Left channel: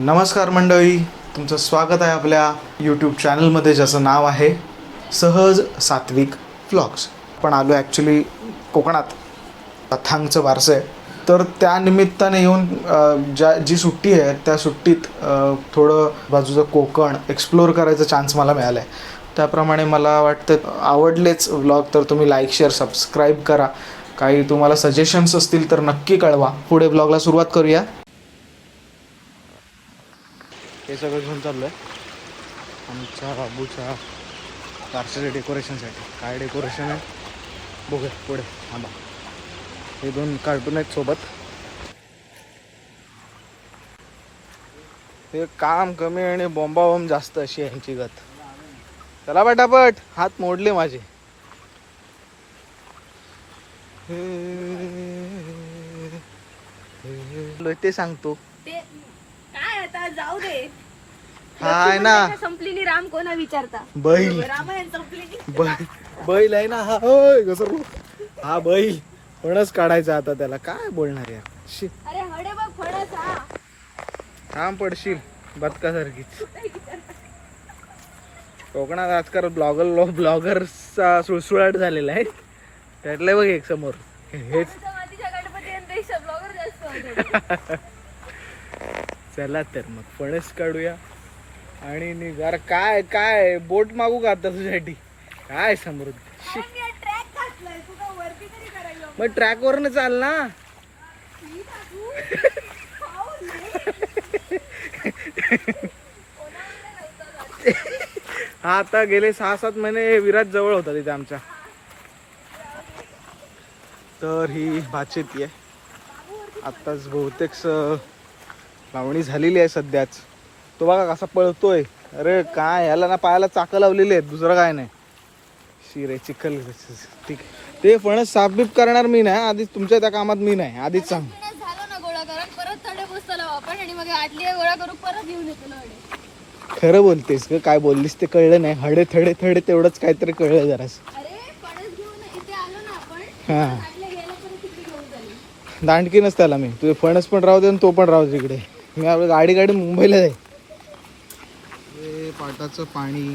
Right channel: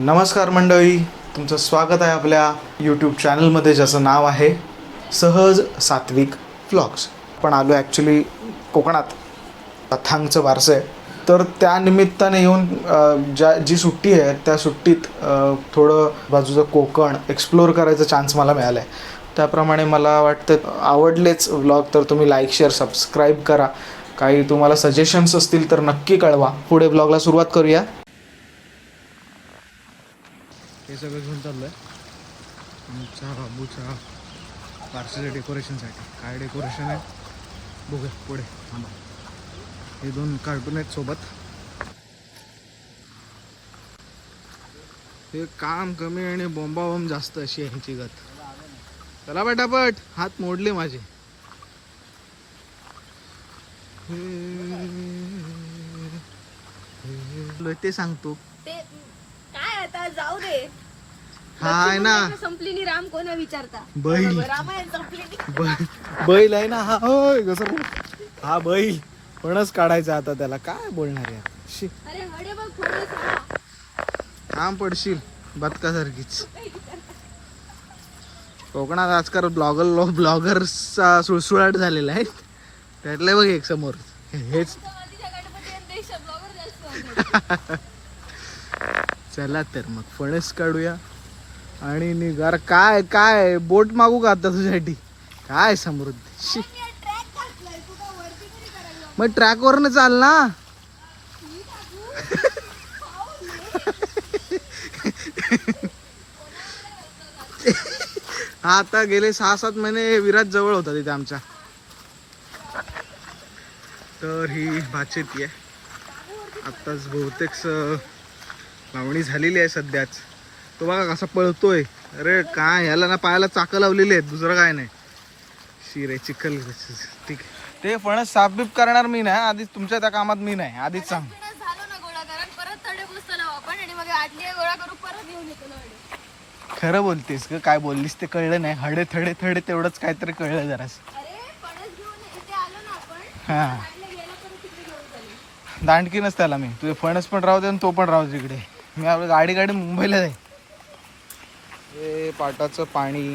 नमस्कार मंडळी तुमचं स्वागत आहे आपल्या यूट्यूब चॅनलमध्ये ज्याचं नाव आहे सहज सात्विक फ्लॉग्स आपण आलो ॲक्च्युली कोकणात कथांगचं वारसं आहे. तर त्या निमित्ताने येऊन ज्या जी सुट्टी आहे त्या सुट्टीत थोडं बाजूचं कोकण एक्सप्लोअर करायचा चान्स मला मिळाला आहे त्याप्रमाणे मला वाटतं आवडलेच व्लॉग तर तुम्ही लाईक शेअर सबस्क्राईब करा. काही तुम्हाला सजेशन्स असतील तर नक्की कळवा. पुढे ब्लॉगला सुरुवात करूया. हे सगळं घेऊन चाललो आहे आमच्या बाबूच्या पार्सल डेकोरेशनसाठी काय डेकोरेशन आहे बघूया पुढे थांबा हे दोन कार्टून आहेत सोबत हे काम कमी आणि बॉम्बाबॉम्ब जास्त अशी आहे यांची गत चला पटापट हात मोडले माझे ते सांगतो आता जाऊ दे. हा आहे ना. संपलेली राम कोणा विचारता? बैल. रामायण संपलेली. बैल. बैल आहे ना हा होय घसर हा बैल. फणस काढायचा आता त्याला. काय बोलणार यार? शी. अरे हडे बघ फणस हा. काम पडशील बदकासारखीच. कोकणात आजकाल ब्लॉगर ब्लॉगर्सचा सुळसुळाट झालेला आहे. त्यातलं बघ एक समोर. हेच आता मातीच्या गणपती ब्लॉगर जास्त आमच्याकडे. चला तर मग फणस काढूया. आणि निघार काय काय बोट मागू का आता तुझ्यासाठी? काय समृद्धी. मग ट्रॅकवरनं चाल ना. हा आता गेले सहा सात महिने विराट जवळ होता तिथे आमच्या. तर ही भातशेती आहे आत्ताच बहुतेक लावणी झालेली आहे सध्याच. तो बघा कसा पळतोय. अरे काय ह्याला ना पायाला चाकं लावलेली आहेत दुसरं काय नाही. शिरे चिखल ठीक. ते फणस साफबीप करणार मी नाही आधीच तुमच्या त्या कामात मी नाही आधीच सांग. खरं बोलतेस ग काय बोललीस ते कळलं नाही. हडे थडे थडे तेवढंच काहीतरी कळलं जरास. आपण हा. आटल्या गेला करू तिकडे घेऊन चालेल दांडकीनच त्याला मी. तुझे फणस पण राहू दे आणि तो पण राहू दे तिकडे मी आपली गाडी गाडी मुंबईला जाईल हे पाटाचं पाणी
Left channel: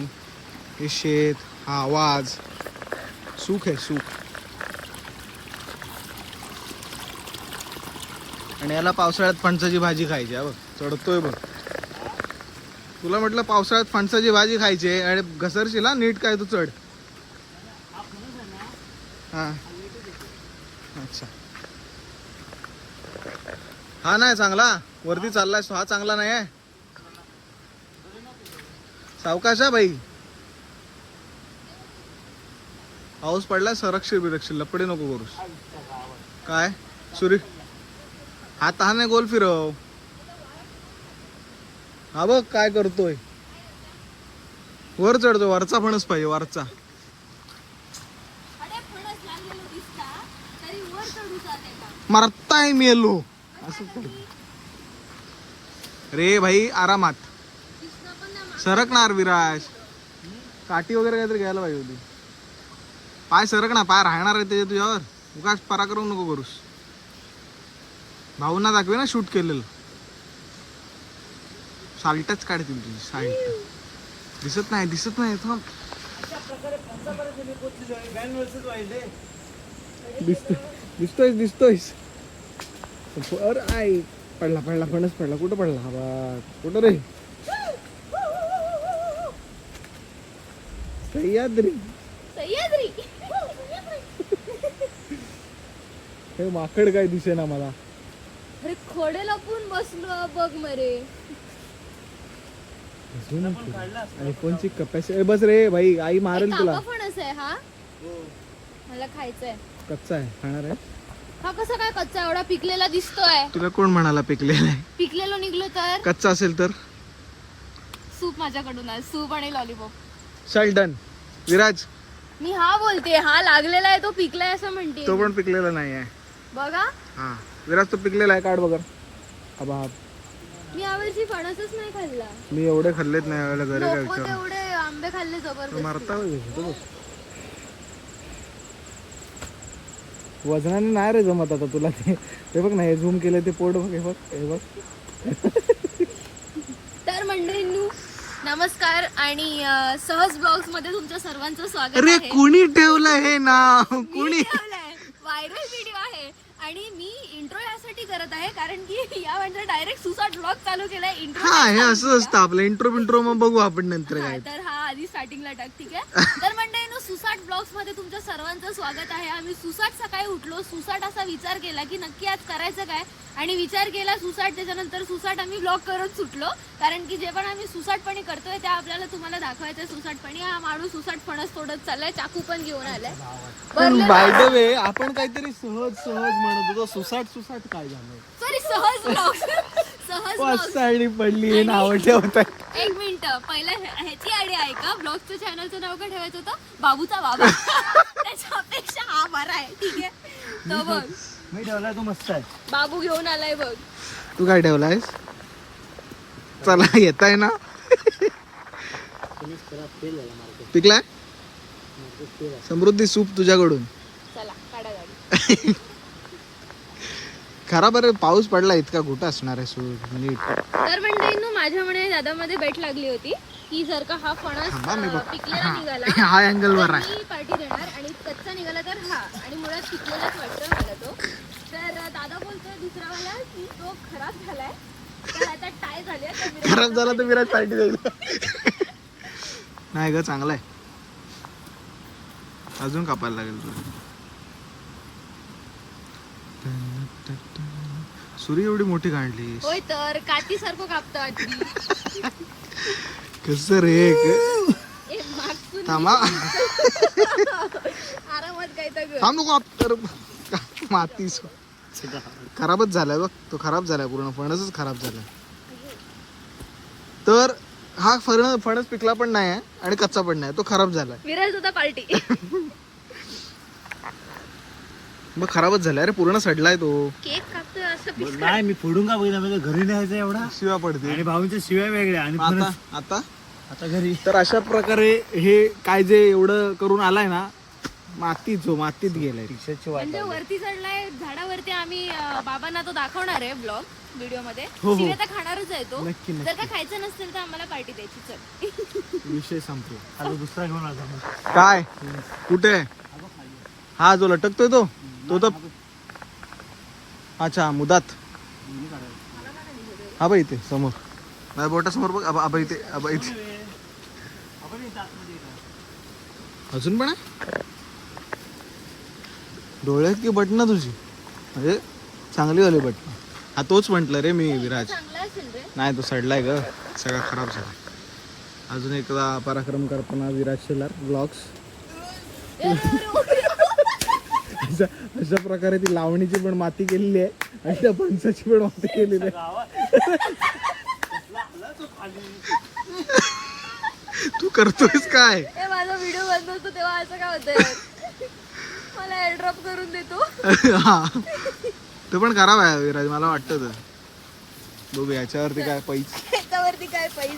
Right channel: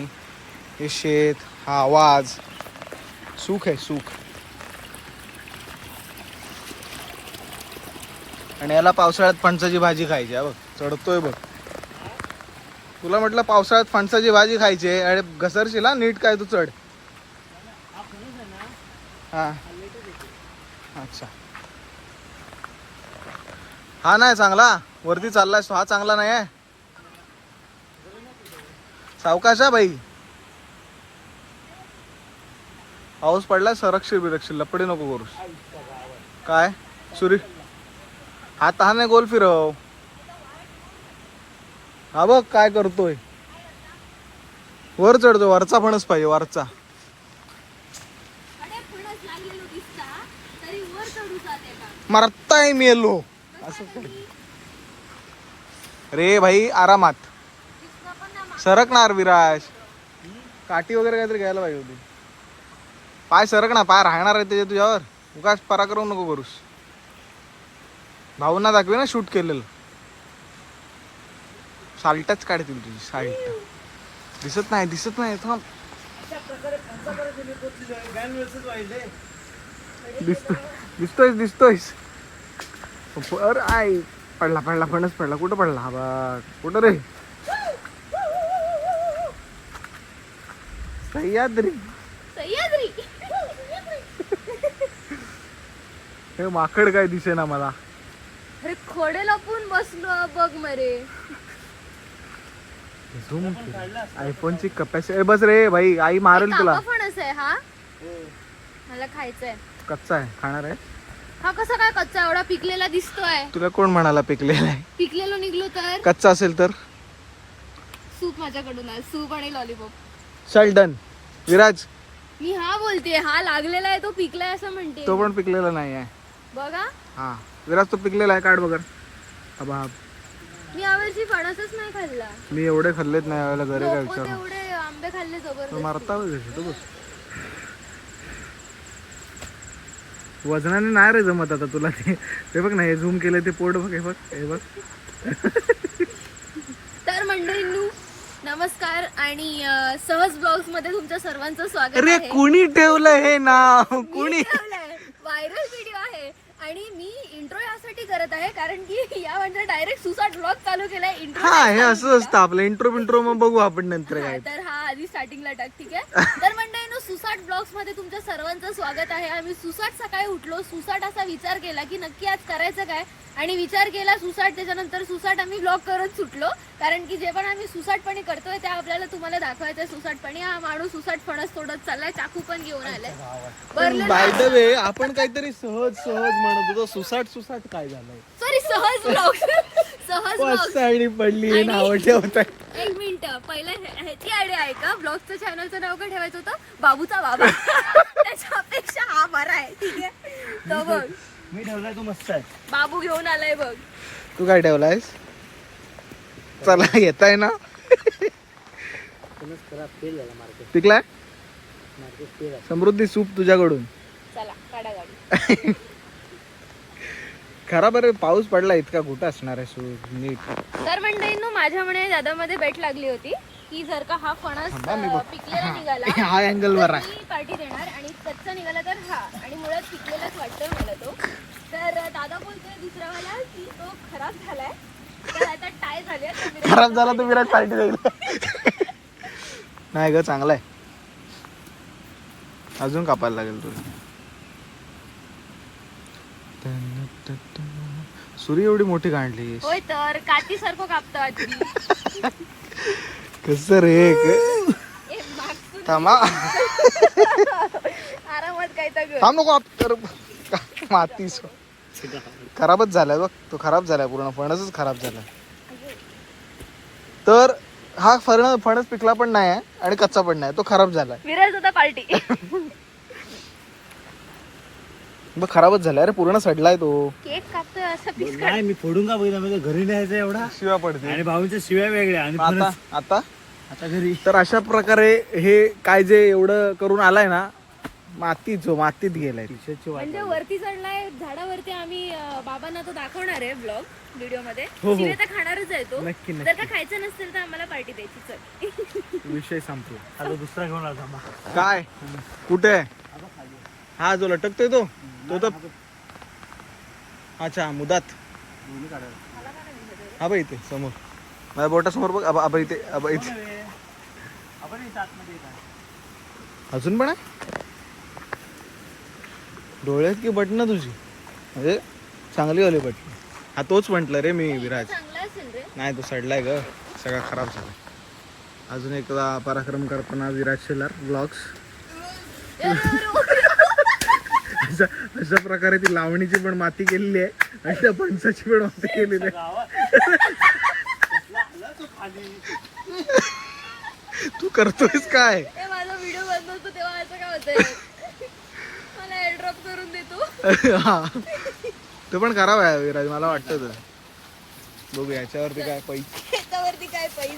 हे शेत हा आवाज. सुख आहे सुख. आणि याला पावसाळ्यात फणसाची भाजी खायची आहे बघ. चढतोय बघ. तुला म्हटलं पावसाळ्यात फणसाची भाजी खायची आहे आणि घसरशील हा? नीट काय तू चढ. हा. अच्छा. हा नाही चांगला. वरती चाललाय हा चांगला नाही आहे. सावकाश हा भाई पाऊस पडलाय सरक्षील बिरक्षील लपडे नको करूस. काय? सुरी. हात हा नाही गोल फिरव. हा बघ काय करतोय. वर चढतो वरचा फणस पाहिजे वरचा. मरताय मेलो. असं. रे भाई आरामात. सरकणार विराज. काठी वगैरे काहीतरी घ्यायला पाहिजे होती. पाय सरक ना पाय राहणार आहे त्याच्या तुझ्यावर. उगाच पराक्रम नको करूस. भाऊंना दाखवे ना शूट केलेलं. साल्टच काढतील तुझी साल्ट दिसत नाही दिसत नाही थांब. दिसतो दिसतोय दिसतोय अरे आय पडला पडला फणस पडला. कुठं पडला हा बघ? कुठं रे? सह्याद्री. सह्याद्री. हे माकड काय दिसे ना मला. अरे खोडे लपून बसलो बघ मरे. झूम आयफोनची कपॅसिटी बस रे भाई आई मारेल तुला. फणस आहे हा. मला खायचंय. कच्चा आहे. खाणार आहे? हा कसा काय कच्चा? एवढा पिकलेला दिसतोय. तुला कोण म्हणाला पिकलेला आहे? पिकलेलो निघलो तर? कच्चा असेल तर? सूप माझ्याकडून आहे. सूप आणि लॉलीपॉप चल डन विराज. मी हा बोलते हा लागलेला आहे तो पिकलाय असं म्हणते. तो पण पिकलेला नाही आहे बघा. हा. विराज तो पिकलेला आहे. काढ बघा. अबा. मी यावर्षी फणसच नाही खाल्ला. मी एवढे खाल्लेत नाही यावेळेला घरी काय विचार तेवढे आंबे खाल्ले जबरदस्त. मारता वजनाने नाही रे जमत आता तुला ते. ते बघ ना हे झूम केलं ते पोट बघ हे बघ हे बघ. तर मंडळींनू नमस्कार आणि सहज ब्लॉग्समध्ये तुमच्या सर्वांचं स्वागत अरे कुणी ठेवलं हे ना कुणी? व्हायरल व्हिडिओ आहे. आणि मी इंट्रो यासाठी करत आहे कारण की या म्हणजे डायरेक्ट सुसाट ब्लॉग चालू केलाय इंट्रो हा हे असं असतं आपलं. इंट्रो बिंट्रो मग बघू आपण नंतर काय. तर हा आधी स्टार्टिंगला टाक ठीक आहे? तर मंडळीनो सुसाट ब्लॉग्समध्ये तुमच्या सर्वांचं स्वागत आहे. आम्ही सुसाट सकाळी उठलो. सुसाट असा विचार केला की नक्की आज करायचं काय? आणि विचार केला सुसाट त्याच्यानंतर सुसाट आम्ही ब्लॉग करत सुटलो. कारण की जे पण आम्ही सुसाटपणी करतोय ते आपल्याला तुम्हाला दाखवायचं सुसाटपणी. हा माणूस सुसाट फणस तोडत चाललाय चाकू पण घेऊन आलाय. भरलेलं- बाय द वे आपण काहीतरी सहज सहज म्हणत होतो सुसाट सुसाट काय झालंय? सॉरी सहज ब्लॉग सहज पडली नाव ठेवत एक मिनिट पहिला ह्या- ह्याची आयडिया आहे का? ब्लॉगचं चॅनलचं नाव काय ठेवायचं होतं? बाबूचा बाबा. त्याच्यापेक्षा हा बरा आहे ठीक आहे. तो बघ. मी ठेवला तो मस्त आहे बाबू घेऊन आलाय बघ. तू काय ठेवलायस? चला येत आहे ना फेल झाला मार्केट पिकलाय? मार्केट फेल आहे समृद्धी सूप तुझ्याकडून. चला काढा गाडी. खराब अरे पाऊस पडला इतका कुठं असणार आहे सूप? नीट. तर मंडळींनो माझ्या म्हणे दादामध्ये बेट लागली होती. की जर का हा थांबा, फणस मी अं, बघ. पिकलेला निघाला हा अँगल वर आहे. मी पार्टी देणार आणि कच्चा निघाला तर हा. आणि मुळात पिकलेलाच वाटतं मला तो. तर अं, दादा बोलतोय दुसरा वाला की तो खराब झालाय. तर आता टाय झाले तर मी- खराब झाला तर विराट पार्टी देईल. नाही ग चांगला आहे अजून कापायला लागेल तुला. सुरी एवढी मोठी काढली होय तर काठी सारखं कस रे थांबा. थांब नको आप तर माती सो- खराबच झालाय बघ तो खराब झालाय पूर्ण फणसच खराब झालाय. तर हा फण फणस पिकला पण नाही आहे आणि कच्चा पण नाही तो खराब झालाय. विराज होता पार्टी. मग खराबच झालाय अरे पूर्ण सडलाय तो. नाही मी फोडून का बघितलं? म्हणजे घरी न्यायचं एवढा. शिवा पडते आणि भाऊंच्या शिव्या वेगळ्या आणि आता आता? आता घरी. तर अशा प्रकारे हे काय जे एवढं करून आलाय ना मातीत जो मातीत गेलाय टीशर्टची वाट म्हणजे वरती चढलाय झाडावरती आम्ही अं, बाबांना तो दाखवणार आहे ब्लॉग व्हिडिओमध्ये हो, हो. शिवाय तर खाणारच आहे तो. नक्की जर का खायचं नसेल तर आम्हाला पार्टी द्यायची चल. विषय संपला. आता दुसरा घेऊन आला मग. काय? कुठे? आहे हा जो लटकतोय तो? तो तर अच्छा मुदात. हा बा इथे समोर. माझ्या बोटा समोर बघ आबा आबा इथे आबा इथे. आपण आतमध्ये अजून पण आहे? डोळ्यात की बटणं तुझी? म्हणजे चांगली वाली बटणं. हा तोच म्हटलं रे मी विराज. नाही तो सडलाय ग. सगळा खराब झालाय. अजून एकदा पराक्रम करताना विराज शेलार ब्लॉग्स अशा अशा प्रकारे ती लावणीची पण माती केलेली आहे आणि त्या फणसाची पण माती केलेली आहे. तू करतोयस काय ए, माझा व्हिडिओ बंद होतो तेव्हा असं काय होतंय मला हा. तो पण खराब आहे विराज मला वाटतं तर बघू याच्यावरती काय पैस त्याच्यावरती काय पैसे?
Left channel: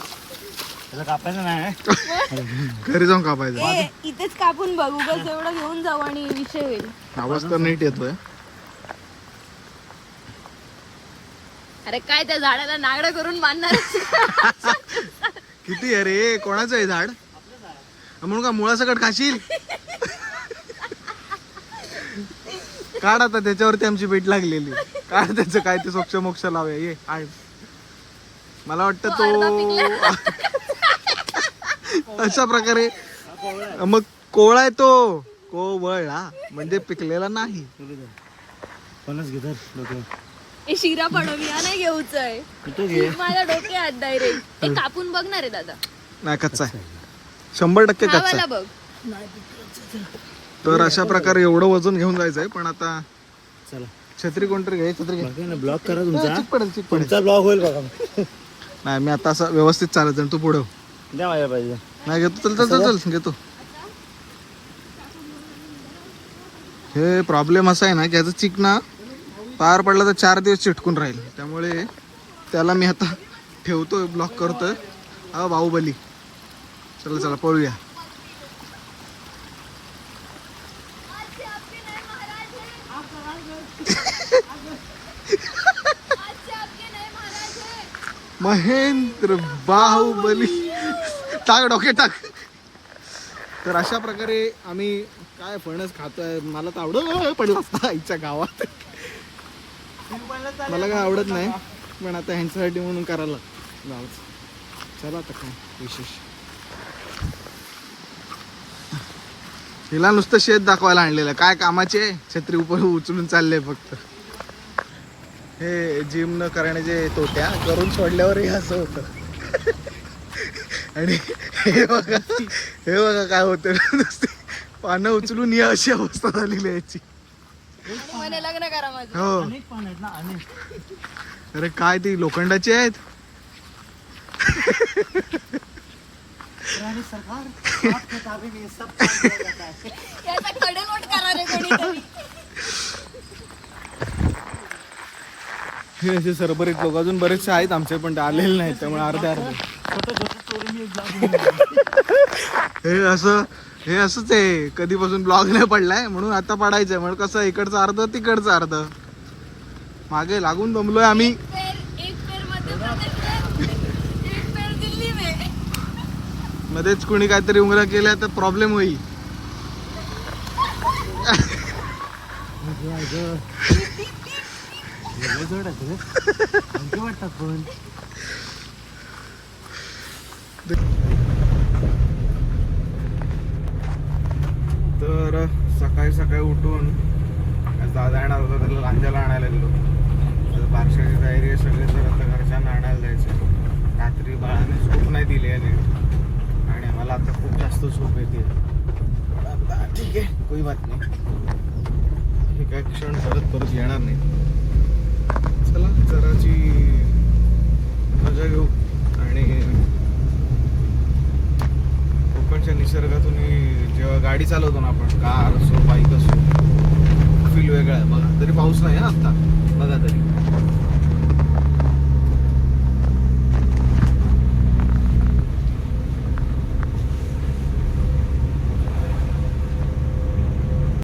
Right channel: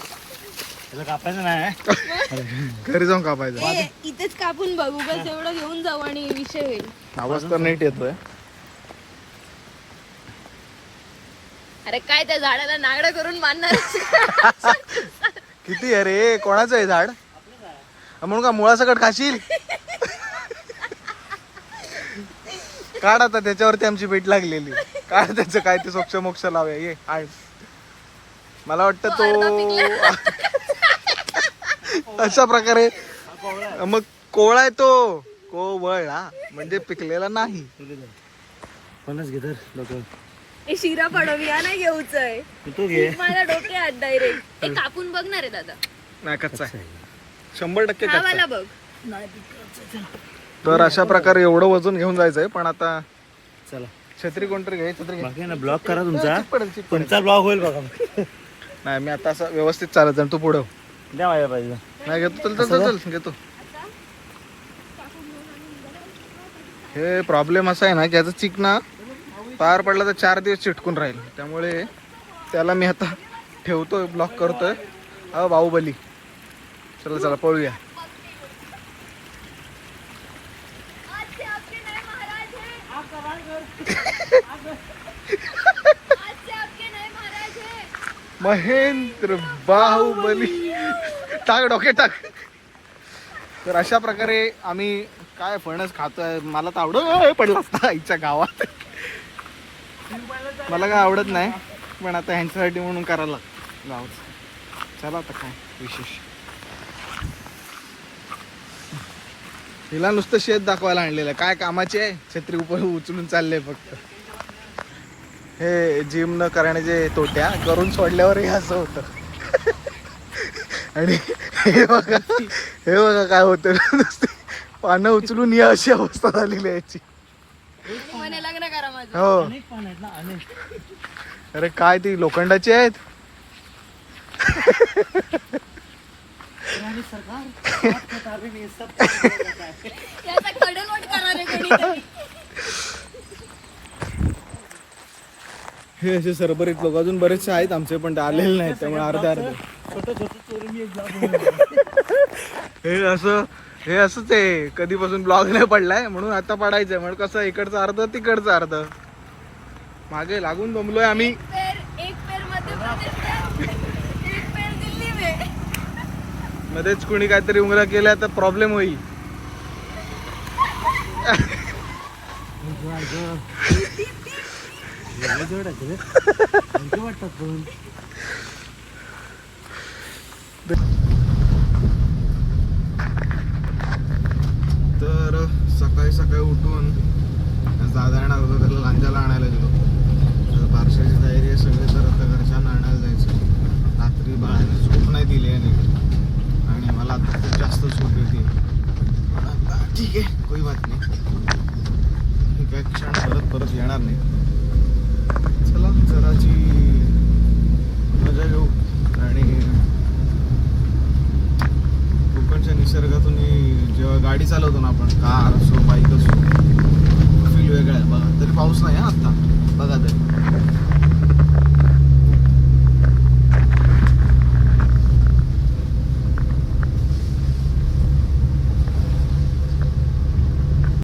त्याला कापायचं नाही घरी जाऊन कापायचं. ए, इथेच कापून बघू बस एवढं घेऊन जाऊ आणि विषय होईल. आवाज तर नीट येतोय. अरे काय त्या झाडाला नागडं करून बांधणार? किती आहे रे? कोणाचं आहे झाड. म्हणून का मुळासकट खाशील? काढ आता त्याच्यावरती आमची भेट लागलेली. काढ त्याचं काय ते सोक्ष मोक्ष लावूया. ये आण. मला वाटतं तो अशा प्रकारे मग कोवळा आहे तो. कोवळा. म्हणजे पिकलेला नाही. फणस घे तर ए, शिरा पडवूया नाही घेऊच आहे तो घे डोक्यात डायरेक्ट ते कापून बघणार आहे दादा. नाही कच्चा आहे. शंभर टक्के कच्चा. खावायला बघ. तर अशा प्रकारे एवढं वजन घेऊन जायचंय पण आता चला. छत्री कोणतरी घे छत्री घे. ब्लॉक करा तुमचा. चिक पडेल चिक पडेल तुमचा ब्लॉग होईल बघा. नाही मी आता असं व्यवस्थित चालत जाईन तू पुढं. द्या माझ्या पाहिजे नाही घेतो चल चल चल चल घेतो. हे प्रॉब्लेम असा आहे ना की याचा चिक ना पार पडला तर चार दिवस चिटकून राहील. त्यामुळे त्याला मी आता ठेवतोय ब्लॉक करतोय. हा बाहुबली. चला चला पळूया. महेंद्र बाहुबली. टाक डोके टाक. तर अशा प्रकारे आम्ही काय फणस खातोय मला तर आवडत पडला ना आईच्या गावात. मला काय आवडत नाही पण आता ह्यांच्यासाठी म्हणून करायला गावच चला आता काय विशेष. हिला नुसतं शेत दाखवायला आणलेलं काय कामाचे आहे? छत्री उपर उचलून चालले फक्त. हे जिम न करण्याचे तोट्या करून सोडल्यावर हे असं होतं. आणि हे बघा हे बघा काय होतं. नुसते पानं उचलून या अशी अवस्था झालेली आहे याची. म्हणे लग्न करा माझं. हो. अरे काय ती लोखंडाची आहेत? सरकार हात खताबी नाही, सब काम करेगा काय. त्याचा कडनवट करा रे कोणीतरी. हे असे सरबरीत लोक अजून बरेचसे आहेत आमचे पण ते आलेले नाहीत त्यामुळे अर्धे अर्धे. हे असं हे असंच आहे. कधीपासून ब्लॉग नाही पडलाय म्हणून आता पडायचंय. म्हणून कसं इकडचं अर्ध तिकडचं अर्ध. मागे लागून दमलोय आम्ही. एक पेर एक पेर मध्य प्रदेश में एक पेर दिल्ली में मध्येच कुणी काहीतरी उंगरा केल्या तर प्रॉब्लेम होईल. वाटतात पण. तर सकाळी सकाळी उठून आज दादा येणार होता त्याला लांजाला आणायला गेलो. तर बारशाची तयारी आहे सगळे तर आता घरच्यांना आणायला जायचं रात्री बाळाने झोप नाही दिली आहे नीट आणि मला आता खूप जास्त झोप येते. आता ठीक आहे कोई बात नाही. हे क्षण परत परत येणार नाही चला जराची मजा घेऊ. आणि कोकणच्या निसर्गातून जेव्हा गाडी चालवतो ना आपण कार असो बाईक असो फील वेगळा आहे. बघा तरी पाऊस नाही हा आत्ता. बघा तरी.